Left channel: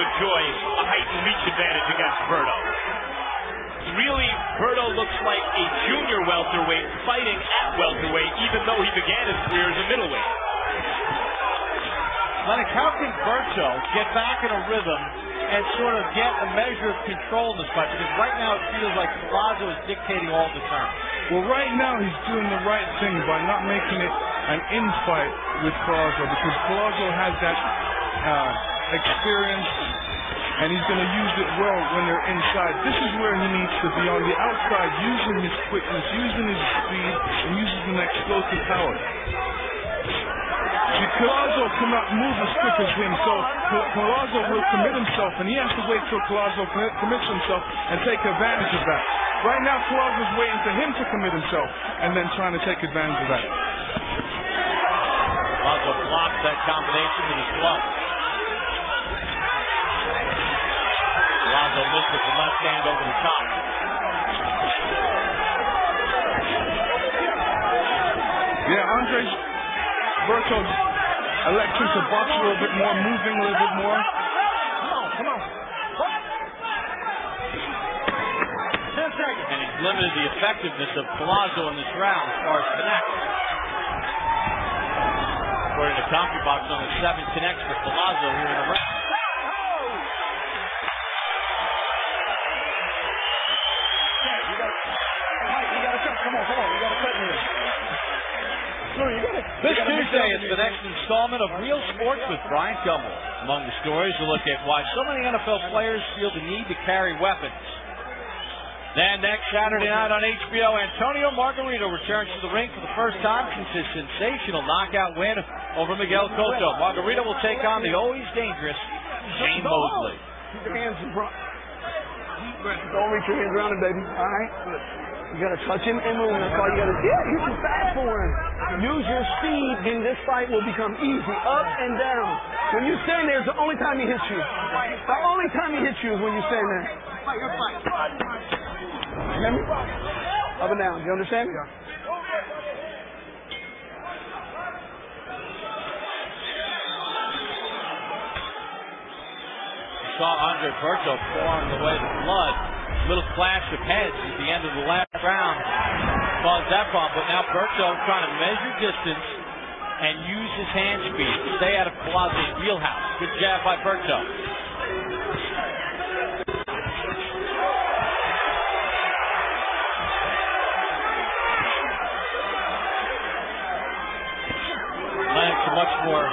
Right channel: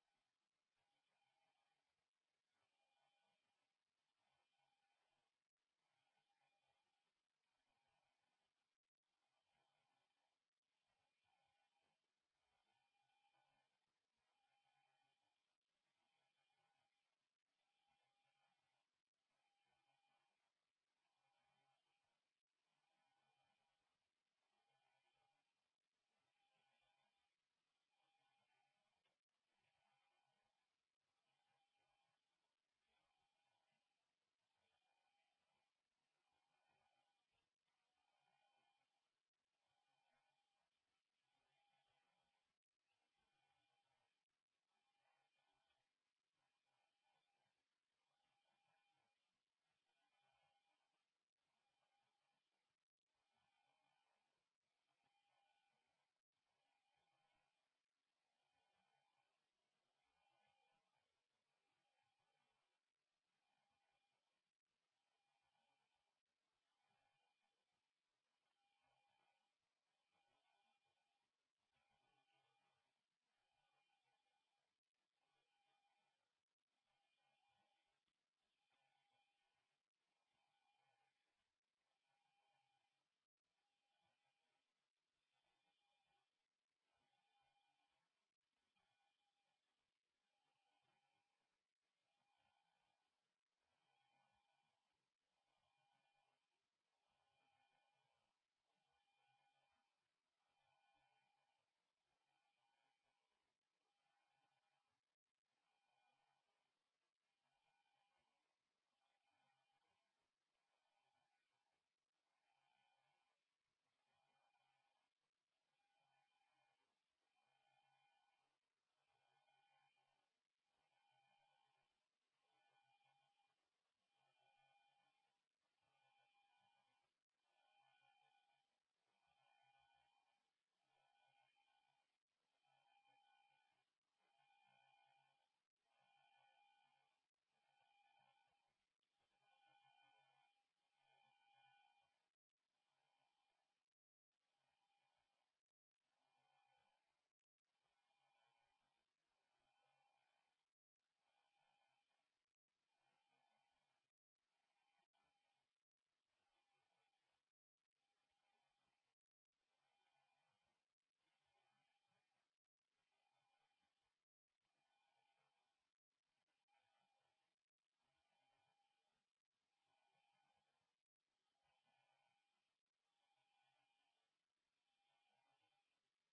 enjoy a heightened reach advantage against Berto. Really, Berto looks like a junior welterweight fighting at welterweight, even though he began his career as a middleweight. Lennox, how can Berto get back in a rhythm and sort of get a measure of control in this fight? Because right now it feels like Collazo is dictating all the terms. Well, right now he's doing the right thing by not making it an infight with Collazo, because Collazo has that experience, and he's going to use it well when they're inside. This is where he needs to be, on the outside, using his quickness, using his speed, and using an explosive power. Collazo cannot move as quick as him, so Collazo will commit himself, and he has to wait till Collazo commits himself and take advantage of that. Right now, Collazo's waiting for him to commit himself and then trying to take advantage of that. Collazo blocks that combination with his glove. Collazo missed with the left hand over the top. Yeah, Andres Berto electing to box a little bit more, moving a little bit more. Come on. And he's limited the effectiveness of Collazo in this round as far as connects. According to CompuBox, only 7 connects for Collazo here in the round. This Tuesday is the next installment of Real Sports with Brian Gumbel. Among the stories, we'll look at why so many NFL players feel the need to carry weapons. Then next Saturday night on HBO, Antonio Margarito returns to the ring for the first time since his sensational knockout win over Miguel Cotto. Margarito will take on the always dangerous Shane Mosley. Keep your hands in front. Don't reach your hands around him, baby. All right? You got to touch him and move. That's all you got to do. Yeah, you're too fast for him. Use your speed, and this fight will become easy. Up and down. When you stand there, it's the only time he hits you. The only time he hits you is when you stand there. Hear me? Up and down. You understand me? Saw Andre Berto pouring away the blood. Little flash of heads at the end of the last round caused that problem. But now Berto trying to measure distance and use his hand speed to stay out of Collazo's wheelhouse. Good jab by Berto. Lennox, a much more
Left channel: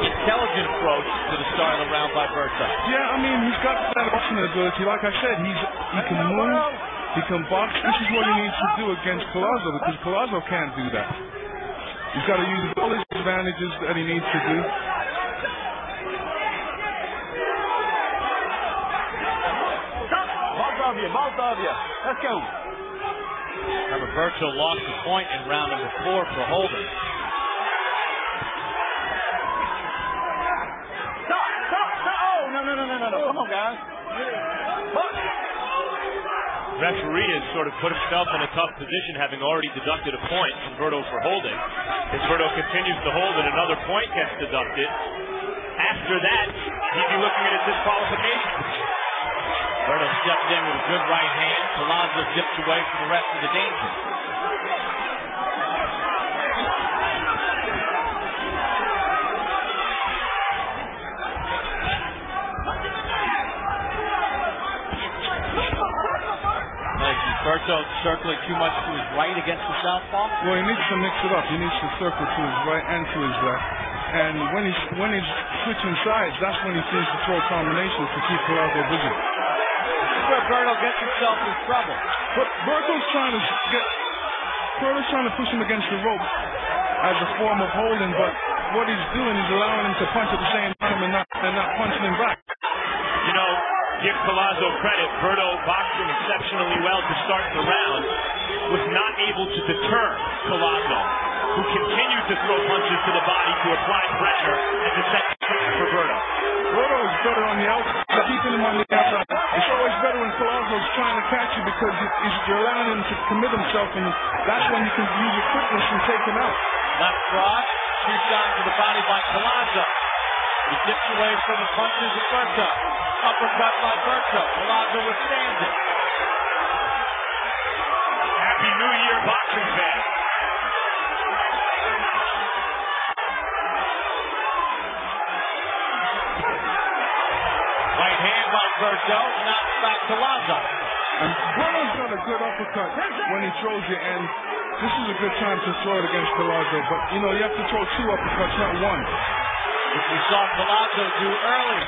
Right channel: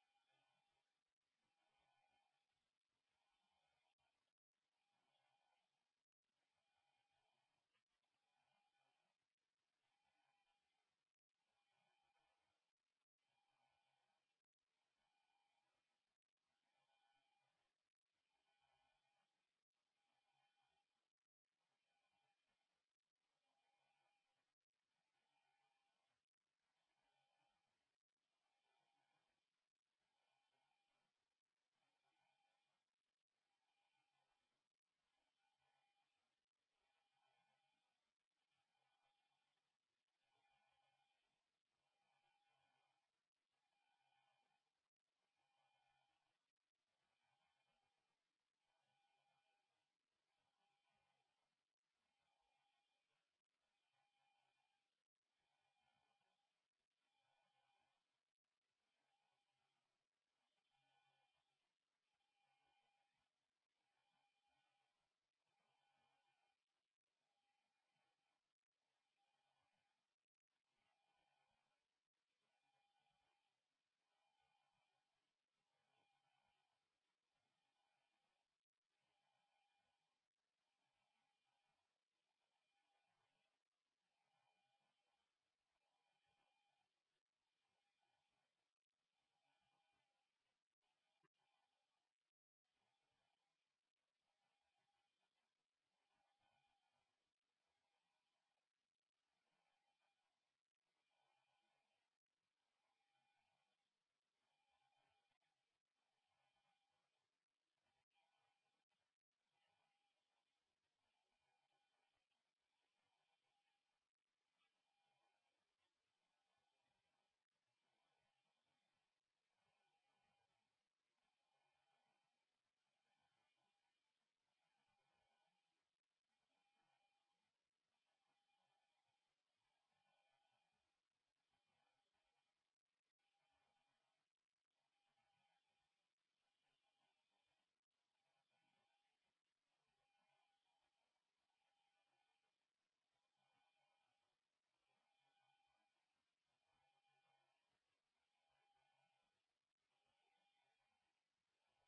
intelligent approach to the start of the round by Berto. Yeah, I mean, he's got that boxing ability. Like I said, he can move, he can box. This is what he needs to do against Collazo, because Collazo can't do that. He's got to use all his advantages that he needs to do. Both of you. Let's go. Remember, Berto lost the point in round number 4 for holding. No. Come on, guys. Referee has sort of put himself in a tough position, having already deducted a point from Berto for holding. If Berto continues to hold and another point gets deducted, after that, he'd be looking at a disqualification. Berto stepped in with a good right hand. Collazo dips away from the rest of the danger. Berto circling too much to his right against the southpaw? Well, he needs to mix it up. He needs to circle to his right and to his left. And when he's switching sides, that's when he seems to throw combinations to keep Collazo busy. This is where Berto gets himself in trouble. But Berto's trying to push him against the rope as a form of holding, but what he's doing is allowing him to punch at the same time and not punching him back. You know, give Collazo credit. Berto boxed him exceptionally well to start the round, was not able to deter Collazo, who continued to throw punches to the body to apply pressure and to set for Berto. Berto is better on the outside, keeping him on the outside. It's always better when Collazo's trying to catch you, because you're allowing him to commit himself, and that's when you can use your quickness and take him out. Left cross, two shots to the body by Collazo. He dips away from the punches of Berto. Uppercut by Berto. Collazo withstands it. Happy New Year, boxing fans. Right hand by Berto. Knocks back Collazo. And Berto's got a good uppercut when he throws it, and this is a good time to throw it against Collazo. But, you know, you have to throw 2 uppercuts, not 1. Which we saw Collazo do early.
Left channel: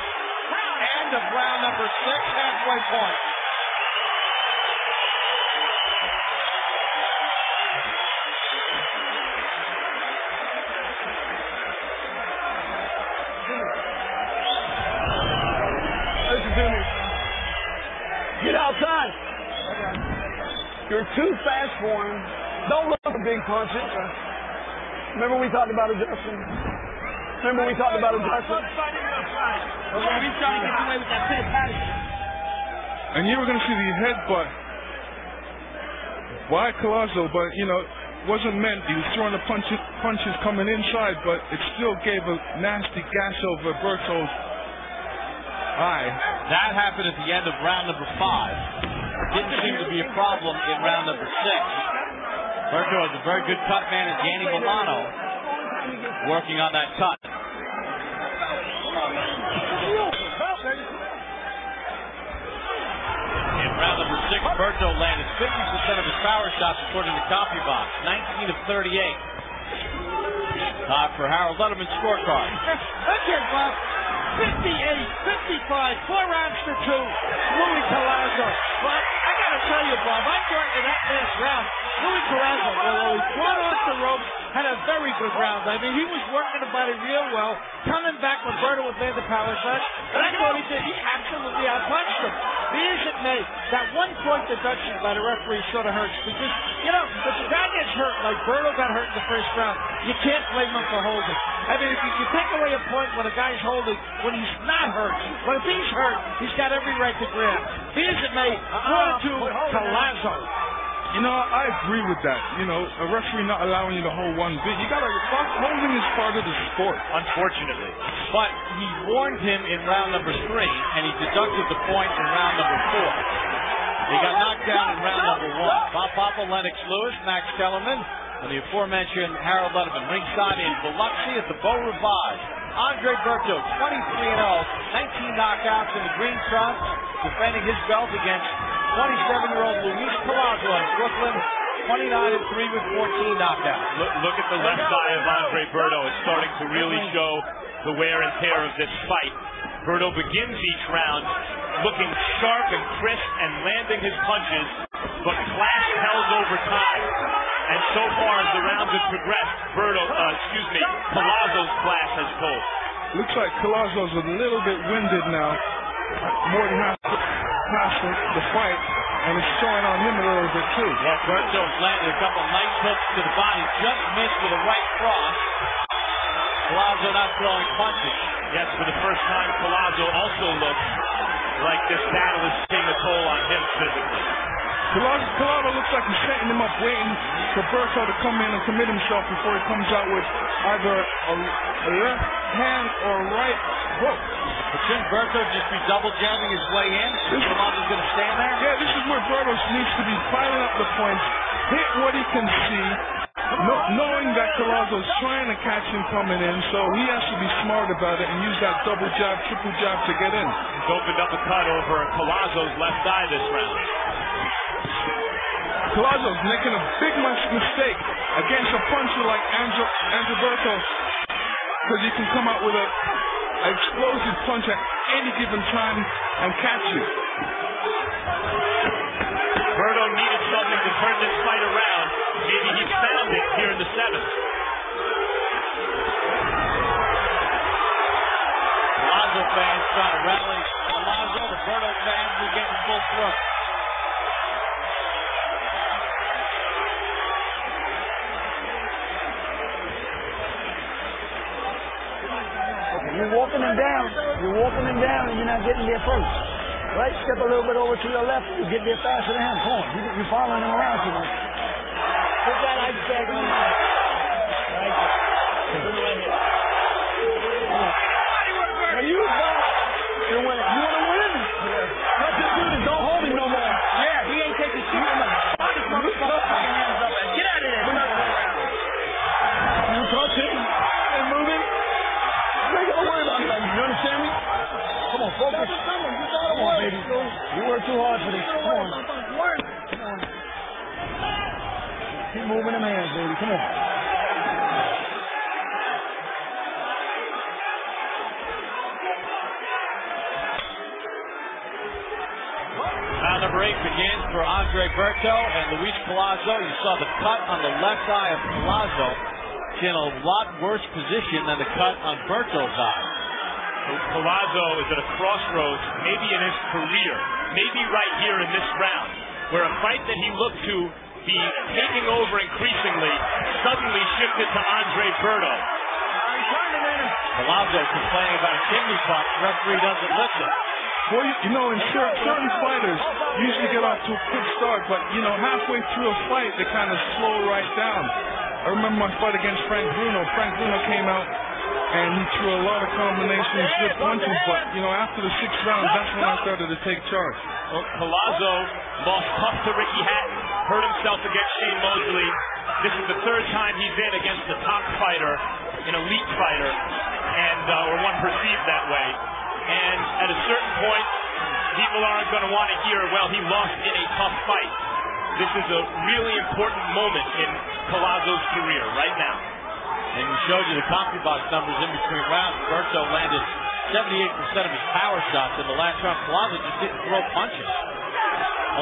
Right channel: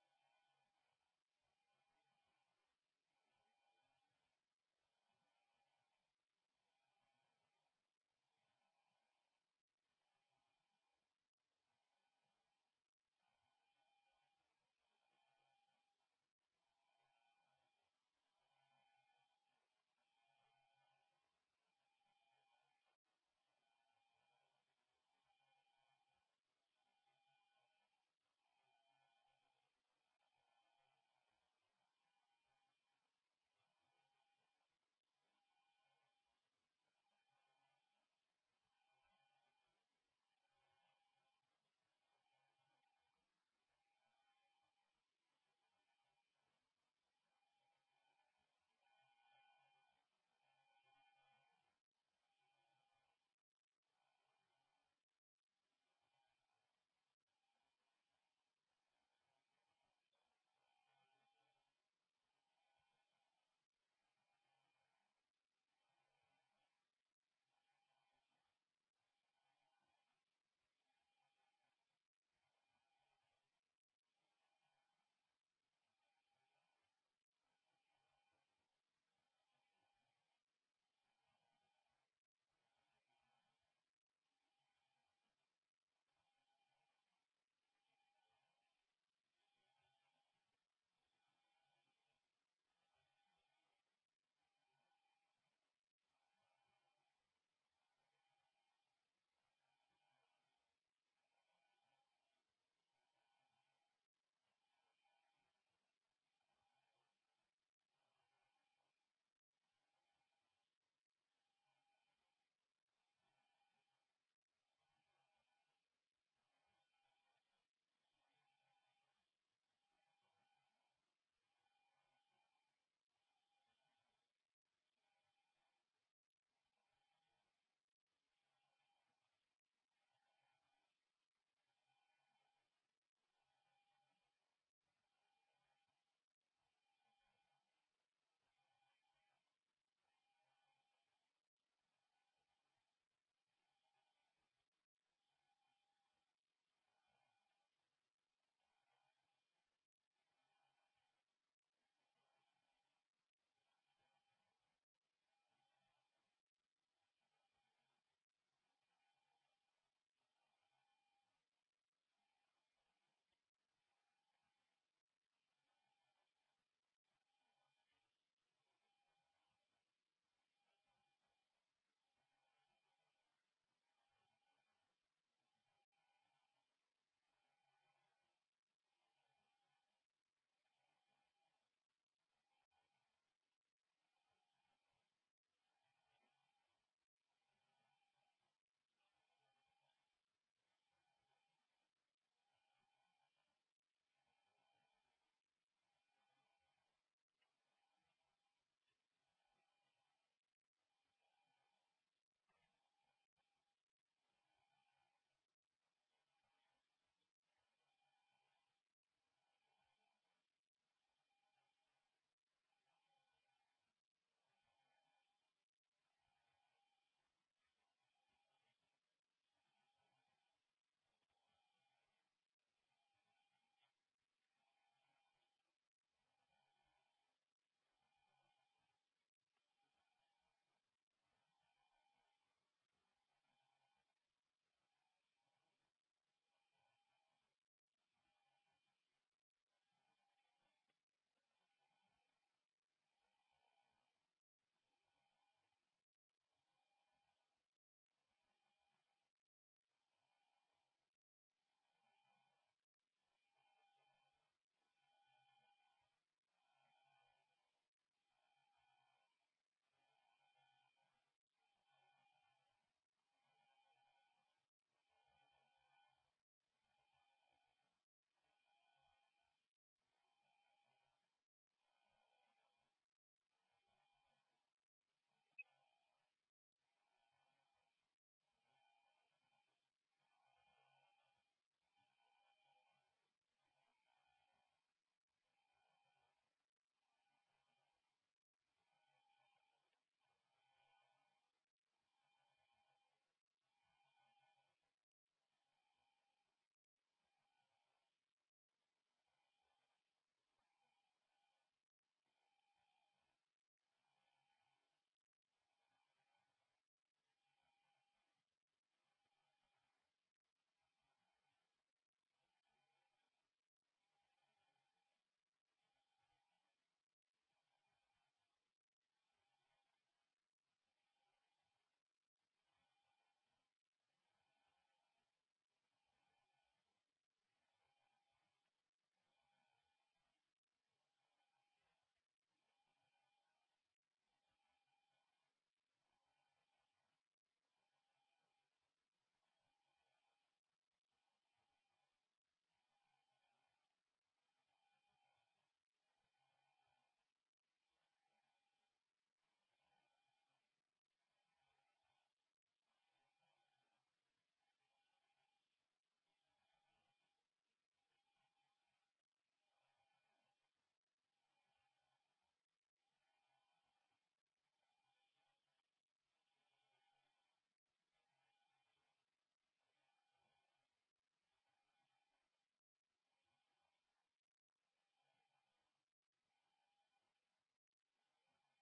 End of round number 6, halfway point. Listen to me. Get outside. You're too fast for him. Don't look for big punches. Remember we talked about adjusting? And you were going to see the headbutt by Collazo, but, you know, wasn't meant. He was throwing the punches coming inside, but it still gave a nasty gash over Berto's eye. That happened at the end of round number 5. Didn't seem to be a problem in round number 6. Berto has a very good cut man in Danny Milano working on that cut. In round number 6, Berto landed 50% of his power shots according to CompuBox, 19 of 38. Time for Harold Letterman's scorecard. Okay, Bob. 58, 55, 4 rounds to 2. Louis Collazo. But I gotta tell you, Bob, I thought in that last round, Louis Collazo, although he fought off the ropes, had a very good round. I mean, he was working the body real well, coming back when Berto was there the power shot, and I thought he absolutely outpunched him. Be as it may, that 1-point deduction by the referee sort of hurts because, you know, if the guy gets hurt like Berto got hurt in the first round, you can't blame him for holding. I mean, if you take away a point when a guy's holding when he's not hurt, but if he's hurt, he's got every right to grab. Be as it may, 4-2 Collazo. You know, I agree with that. You know, a referee not allowing you to hold 1 bit. You gotta, holding is part of the sport. Unfortunately. But he warned him in round number 3, and he deducted the point in round number 4. He got knocked down in round number 1. Bob Papa, Lennox Lewis, Max Kellerman, and the aforementioned Harold Letterman. Ringside in Biloxi at the Beau Rivage. Andre Berto, 23-0, 19 knockouts in the green trunks, defending his belt against 27-year-old Luis Collazo in Brooklyn, 29-3 with 14 knockouts. Look at the left eye of Andre Berto. It's starting to really show the wear and tear of this fight. Berto begins each round looking sharp and crisp and landing his punches, but class tells over time. And so far as the rounds have progressed, Collazo's class has told. Looks like Collazo's a little bit winded now. More than half past the fight, and it's showing on him a little bit too. Yeah, Berto's landed a couple nice hooks to the body, just missed with a right cross. Collazo not throwing punches. Yes, for the first time, Collazo also looks like this battle is taking a toll on him physically. Collazo looks like he's setting him up, waiting for Berto to come in and commit himself before he comes out with either a left hand or a right hook. But shouldn't Berto just be double jabbing his way in? Collazo's going to stand there? Yeah, this is where Berto needs to be piling up the points, hit what he can see, knowing that Collazo's trying to catch him coming in, so he has to be smart about it and use that double jab, triple jab to get in. He's opened up a cut over Collazo's left eye this round. Collazo's making a big mistake against a puncher like Andre Berto, because he can come out with an explosive punch at any given time and catch you. Berto needed something to turn this fight around. Maybe he found it here in the 7th. Collazo fans trying to rally Collazo. The Berto fans are getting full throat. You're walking him down. And you're not getting there first. Right? Step a little bit over to your left. You get there faster than him. Come on. You're following him around too much. Put that ice bag on your head. Right? work too hard for this. Come on. Keep moving them hands, baby. Come on. Round number 8 begins for Andre Berto and Luis Collazo. You saw the cut on the left eye of Collazo. He's in a lot worse position than the cut on Berto's eye. Collazo is at a crossroads, maybe in his career, maybe right here in this round, where a fight that he looked to be taking over increasingly suddenly shifted to Andre Berto. Collazo complaining about a kidney pump. Referee doesn't listen. Well, you know, in certain fighters usually get off to a quick start, but, you know, halfway through a fight, they kind of slow right down. I remember my fight against Frank Bruno. Frank Bruno came out, and he threw a lot of combinations, good punches, but, you know, after the 6th round, that's when I started to take charge. Well, Collazo lost tough to Ricky Hatton, hurt himself against Shane Mosley. This is the 3rd time he's in against a top fighter, an elite fighter, and or one perceived that way. And at a certain point, people aren't going to want to hear, well, he lost in a tough fight. This is a really important moment in Collazo's career right now. And we showed you the CompuBox numbers in between rounds. Berto landed 78% of his power shots in the last round. Collazo just didn't throw punches.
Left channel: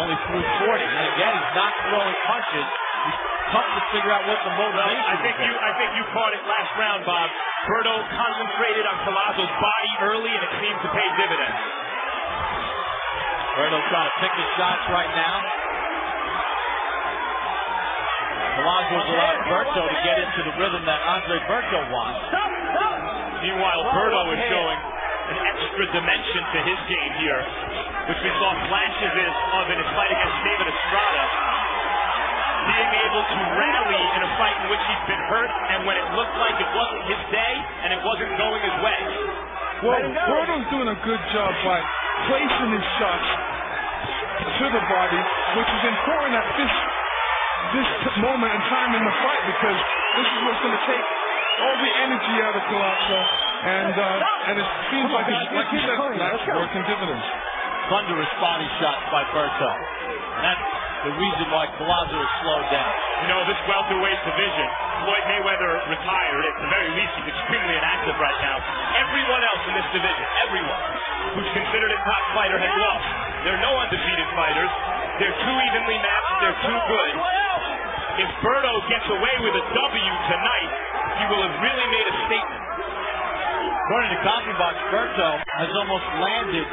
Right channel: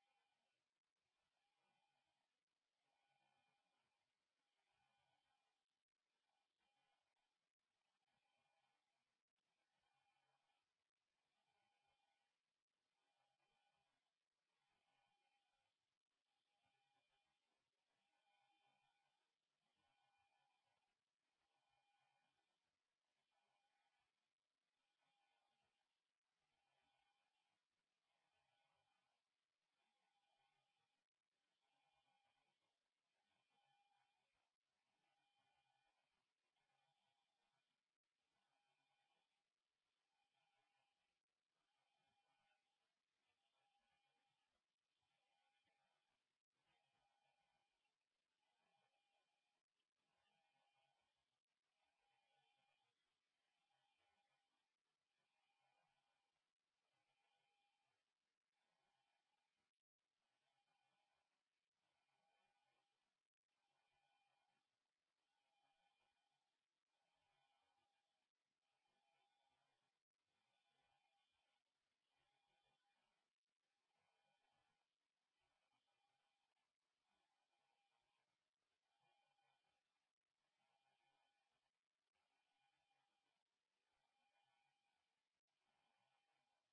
Only threw 40. And again, he's not throwing punches. It's tough to figure out what the motivation is. I think you caught it last round, Bob. Berto concentrated on Collazo's body early, and it seemed to pay dividends. Berto trying to pick his shots right now. Collazo's allowed Berto to get into the rhythm that Andre Berto wants. Meanwhile, Berto is showing an extra dimension to his game here, which we saw flashes of in his fight against David Estrada. Being able to rally in a fight in which he's been hurt, and when it looked like it wasn't his day and it wasn't going his way. Well, Berto's doing a good job by placing his shots to the body, which is important at this moment in time in the fight, because this is what's going to take all the energy out of Collazo, and it seems like it's, like you said, that's working dividends. Thunderous body shots by Berto. And that's the reason why Collazo is slowed down. You know, this welterweight division, Floyd Mayweather retired. At the very least, he's extremely inactive right now. Everyone else in this division, everyone who's considered a top fighter has lost. There are no undefeated fighters. They're too evenly matched. They're too good. If Berto gets away with a W tonight, he will have really made a statement. According to CompuBox, Berto has almost landed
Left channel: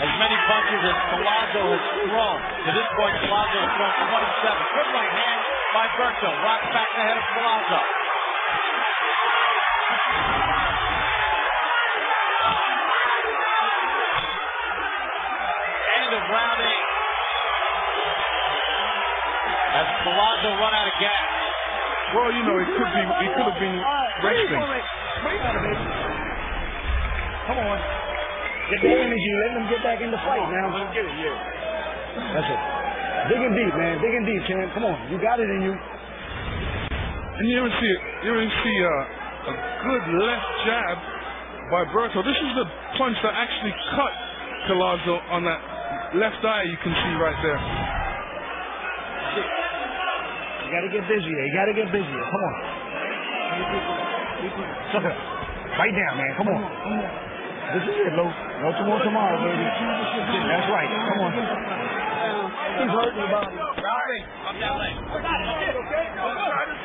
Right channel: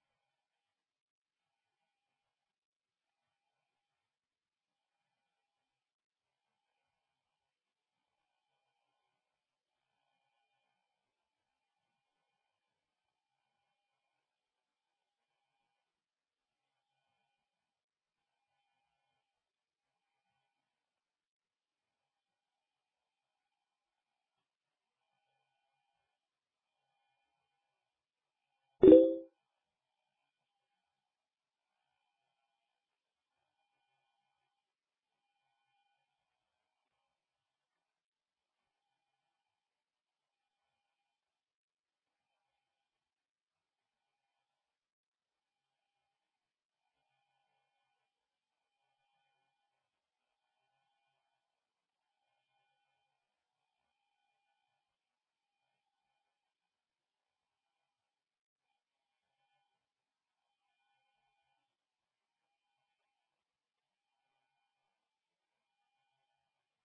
as many punches as Collazo has thrown. To this point, Collazo has thrown 27. Good right hand by Berto. Rocks back ahead of Collazo. End of round 8. As Collazo run out of gas. Well, you know, he could have been resting. Come on. Get the energy. Let them get back in the fight now. Let's get it here. That's it. Dig and deep, man. Dig and deep, champ. Come on. You got it in you. And you even see a good left jab by Berto. This is the punch that actually cut Collazo on that left eye. You can see right there. You got to get busier. You got to get busier. Come on. Sucker. Right down, man. Come on. This is it, Lo. No tomorrow, baby. That's right. Come on. He's hurt to the body.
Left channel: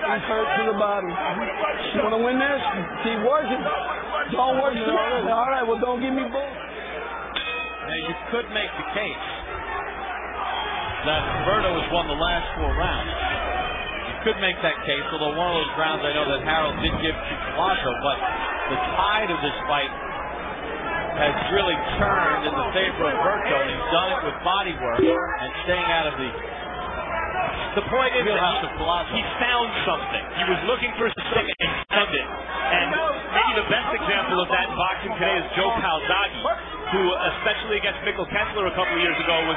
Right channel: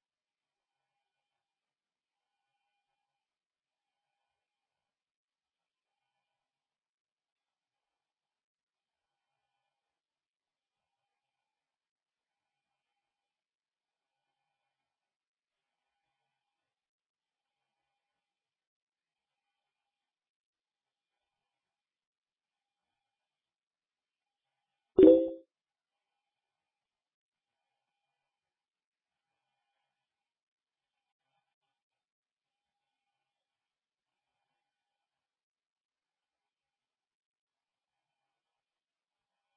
He's hurt to the body. You want to win this? Keep working. Don't work it already. All right, well, don't give me bull. Now, you could make the case that Berto has won the last 4 rounds. You could make that case, although one of those rounds I know that Harold did give to Collazo, but the tide of this fight has really turned in the favor of Berto, and he's done it with body work and staying out of the point is wheelhouse that of Collazo. he found something. He was looking for something and found it. And maybe the best example of that in boxing today is Joe Calzaghe, who, especially against Mikkel Kessler a couple of years ago, was